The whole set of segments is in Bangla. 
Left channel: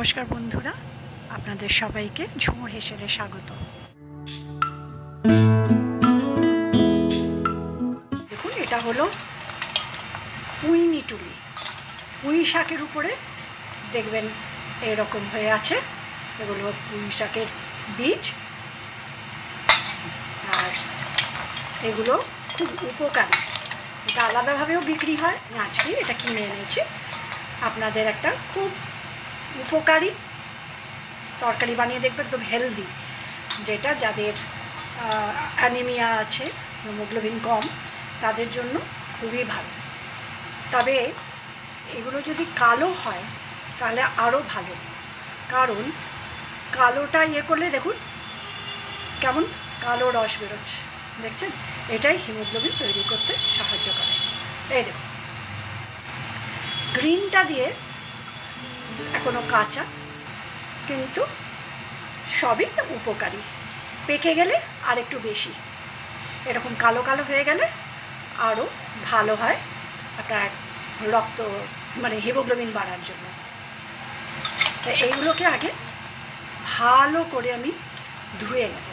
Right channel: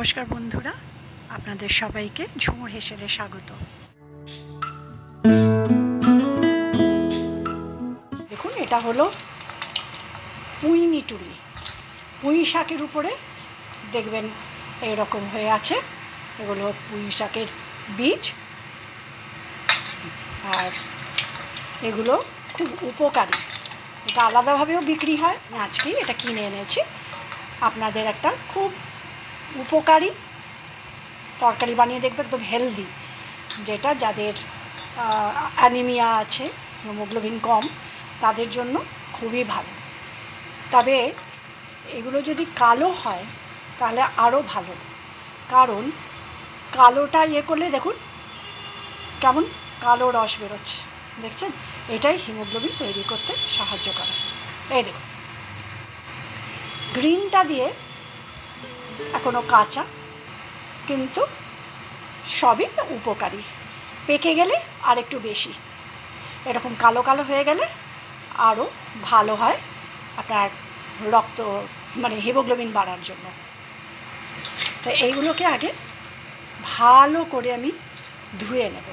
নমস্কার বন্ধুরা, আপনাদের সবাইকে ঝুমুর হেসেলে স্বাগত। দেখুন, এটা হলো পুঁই মিটুলি। পুঁই শাকের উপরে দেখবেন এরকম হয়ে আছে, এগুলো পুঁই শাকের বীজ, আর এগুলো খুব উপকারী। এটা আলাদাভাবেও বিক্রি হয়। আজকে এটা কিনে এনেছি আপনাদের একটা খুব উপকারী তরকারি বানিয়ে দেখবে, একদম হেলদি, যেটা যাদের অ্যানিমিয়া আছে, হিমোগ্লোবিন কম, তাদের জন্য খুবই ভালো। তবে এগুলো যদি কালো হয় তাহলে আরও ভালো, কারণ কালোটা করলে দেখুন কেমন কালো রস বেরোচ্ছে, দেখছেন? এটাই হিমোগ্লোবিন তৈরি করতে সাহায্য করে। এই দেখুন, গ্রিনটা দিয়ে এখনো কাঁচা, কিন্তু সবই উপকারী। পেকে গেলে আর একটু বেশি, এরকম কালো কালো হয়ে গেলে আরও ভালো হয় আপনার রক্ত, মানে হিমোগ্লোবিন বাড়ার জন্য। তো এইগুলোকে আগে ভালো করে আমি ধুয়ে নেব।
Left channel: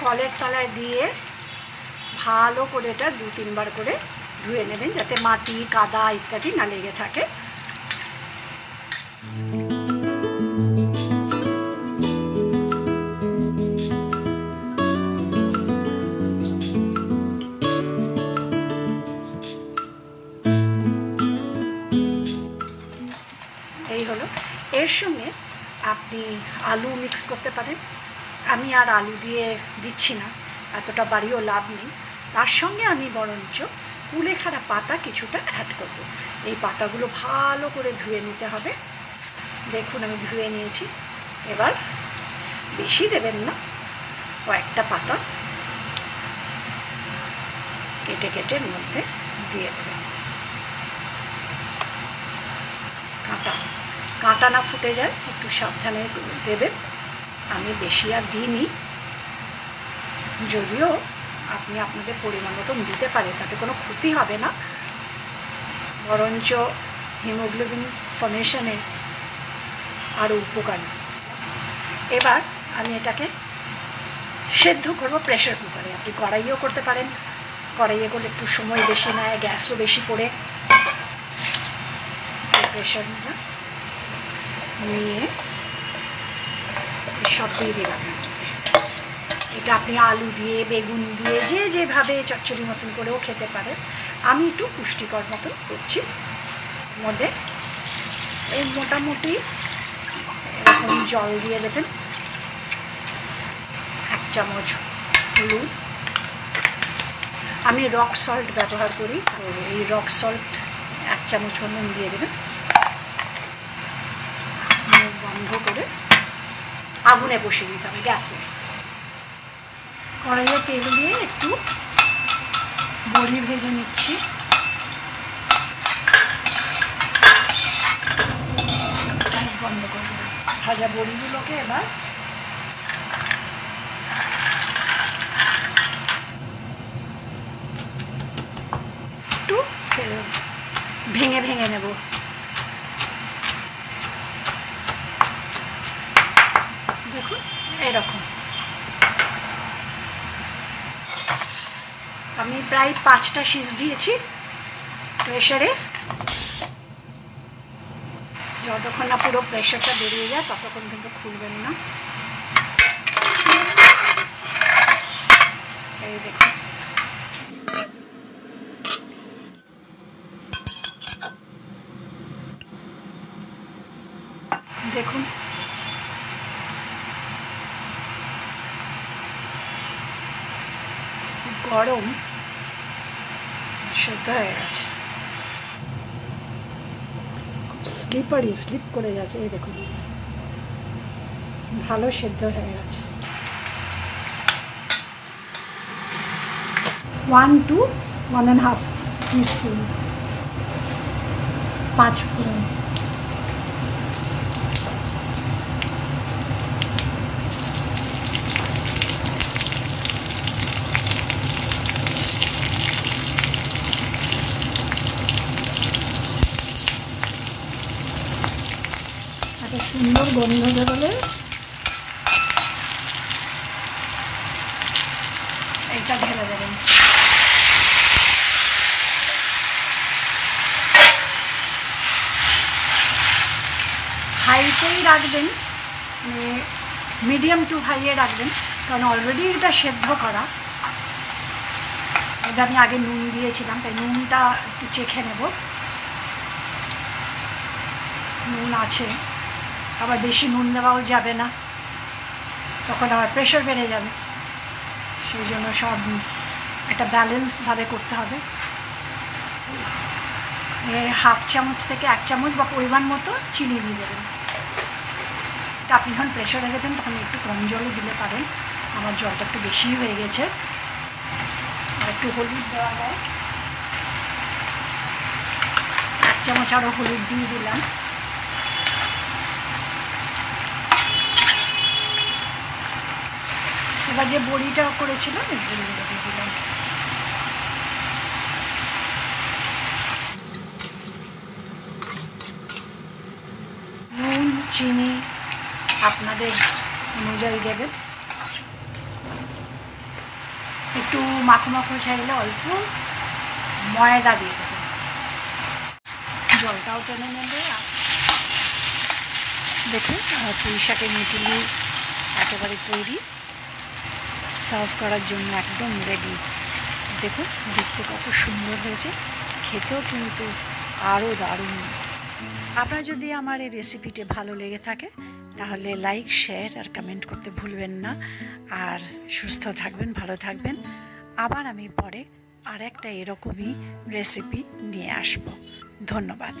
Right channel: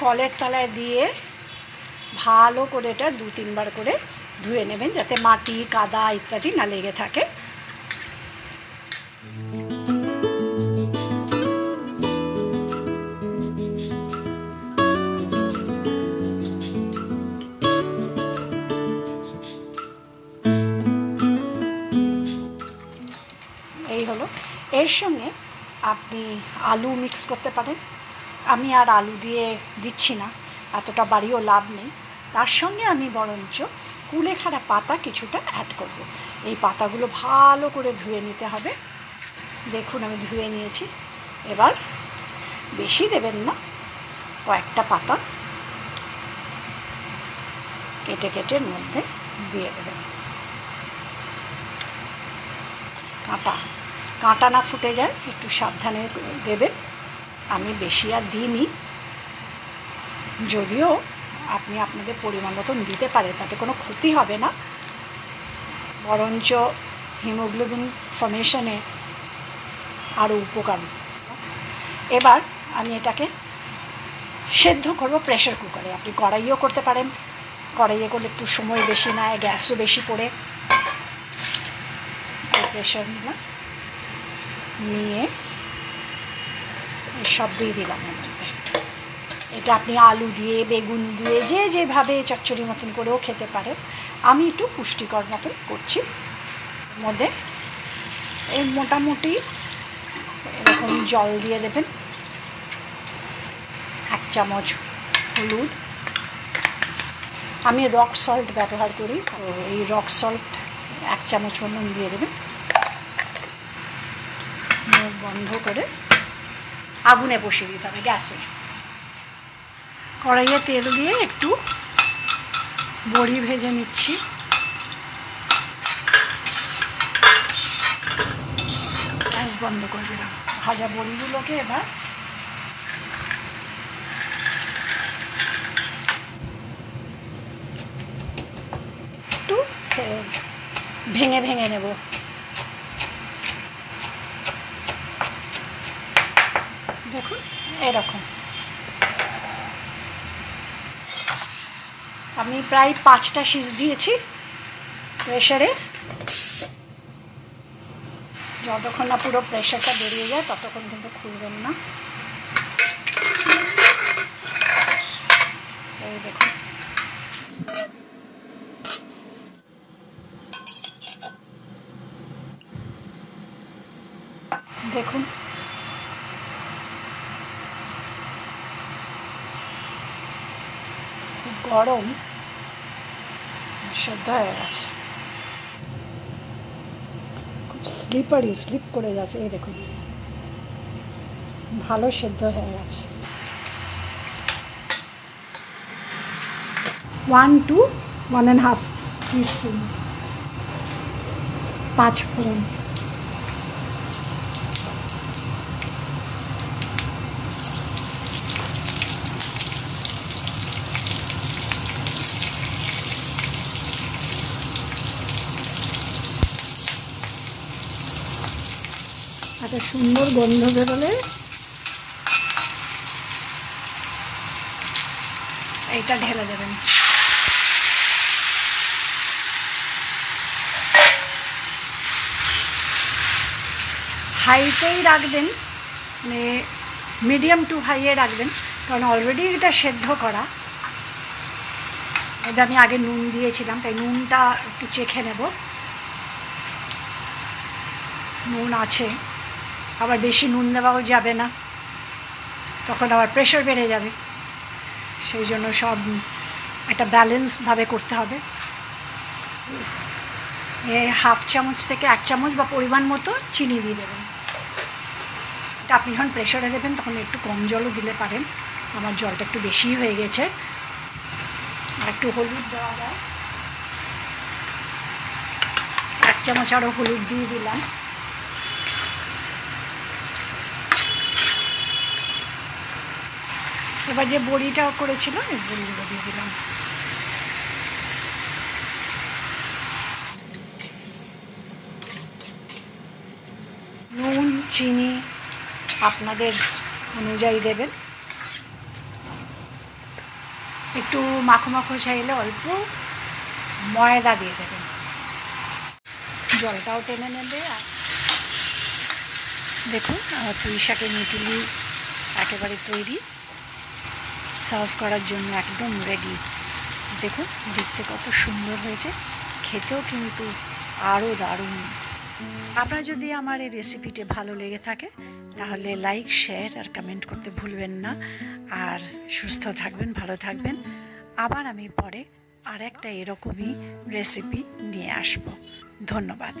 কলের তলায় দিয়ে ভালো করে এটা 2-3 বার করে ধুয়ে নেবেন, যাতে মাটি, কাদা ইত্যাদি না লেগে থাকে। এই হলো। এর সঙ্গে আপনি আলু মিক্স করতে পারেন। আমি আর আলু দিয়ে দিচ্ছি না, এতটা বাড়িও লাভ নেই। তার সঙ্গে আমি বরঞ্চ কুলেখাড়া পাতা কিছুটা অ্যাড করব। এই পাতাগুলো ভালো করে ধুয়ে নিতে হবে। দেখুন, আমি ধুয়ে নিয়েছি। এবার বেশি দেবেন না, কয়েকটা পাতা কেটে কেটে এর মধ্যে দিয়ে দেবেন। কাঁটা না ফুটে যায়, একটু সাবধানে দেবেন। আমি বেশি আর দিইনি, যদিও আপনি আপনাদের পরিমাণ মতন দিতে পারেন, তাতে কোনো ক্ষতি হবে না, বরঞ্চ হিমোগ্লোবিন ফর্মেশনে আরও উপকারী। এবার আমি এটাকে সেদ্ধ করব প্রেশার কুকারে। আপনি কড়াইও করতে পারেন, কড়াইয়ে করলে একটু সময় বেশি নেয়, গ্যাসও বেশি পড়ে। প্রেশার নিয়ে সব দিয়ে দিলাম। এটা আপনি আলু দিয়ে, বেগুন দিয়ে, যেভাবে চচ্চড়ি মতন করেও খেতে পারেন। আমি একটু পুষ্টিকর মতন করছি। মধ্যে এই মোটামুটি এরকম জল দিয়ে দেবেন, 1 চামচ হলুদ। আমি রক সল্ট ব্যবহার করি, তো এই রক সল্ট 1 চামচ মতন দিয়ে দেবেন। মুখ বন্ধ করে আগুনে বসিয়ে দিতে হবে গ্যাসে। কড়াইয়ে তেল দিয়ে একটু বড়ি ভেজে নিচ্ছি। গ্যাস বন্ধ করে দিলাম। ভাজা বড়িগুলোকে এবার একটু ভেঙে ভেঙে নেব। দেখুন, এরকম। আমি প্রায় 5টা সিজ দিয়েছি প্রেশারে। যতক্ষণ না পুরো প্রেশারটা বেরিয়ে যায় ততক্ষণ কিন্তু খুলবেন না। এই দেখুন, দেখুন গরম সেদ্ধ হয়ে গেছে, খুব স্লিপ করে গেছে। এই দেখুন, ভালো সেদ্ধ হয়ে গেছে। 1 to 1.5 টিস্পুন 5 ফোড়ন। সুন্দর গন্ধ বেরোলে এইটা ঢেলে দেবেন। হাইতেই রাখবেন, মানে মিডিয়াম টু হাইয়ে রাখবেন, কারণ অলরেডি এটা সেদ্ধ করা। এটা আমি আগে নুন দিয়েছিলাম, তাই নুনটা একটু চেখে নেব। নুন আছে, আবার বেশি নুন দেওয়াও যাবে না, তখন আবার প্রেশার বেড়ে যাবে। সেই জন্য সব একটা ব্যালেন্সভাবে করতে হবে। হাফ চামচ থেকে 1 চামচ বা পরিমাণ মতো চিনি দিয়ে দেবেন। এটা আপনি যখন প্রেশারে দেবেন তখন একটু কম জলও দিলে পারেন, আমার জলটা একটু বেশিই হয়ে গেছে। আর একটু হলুদ দেওয়া হয়, 1 চামচ আরও হলুদ দিয়ে দিলাম। এবার যে বড়িটা করেছিলাম ওই বড়িগুলো দিয়ে দিলাম। নুন চিনি আপনাদের অনুযায়ী দেবেন। একটু মাখো মাখো চাইলে অল্প ময়দা দিয়ে দেবেন, জলটাও টেনে নেবে। আর দেখুন আমার পুঁই শাকের মিটুলি একেবারে তৈরি, সার্ভ করার জন্য একদম রেডি। দেখুন দেখতে কত সুন্দর হয়েছে, খেতেও কিন্তু আরও দারুণ। আপনার যদি আমার এই রেসিপিটি ভালো লেগে থাকে তাহলে লাইক শেয়ার আর কমেন্ট করতে ভুলবেন না। আর সুস্থ থাকবেন, ভালো থাকবেন। আবার আমি পরে আর একটা এরকমই রেসিপি নিয়ে আসব। ধন্যবাদ।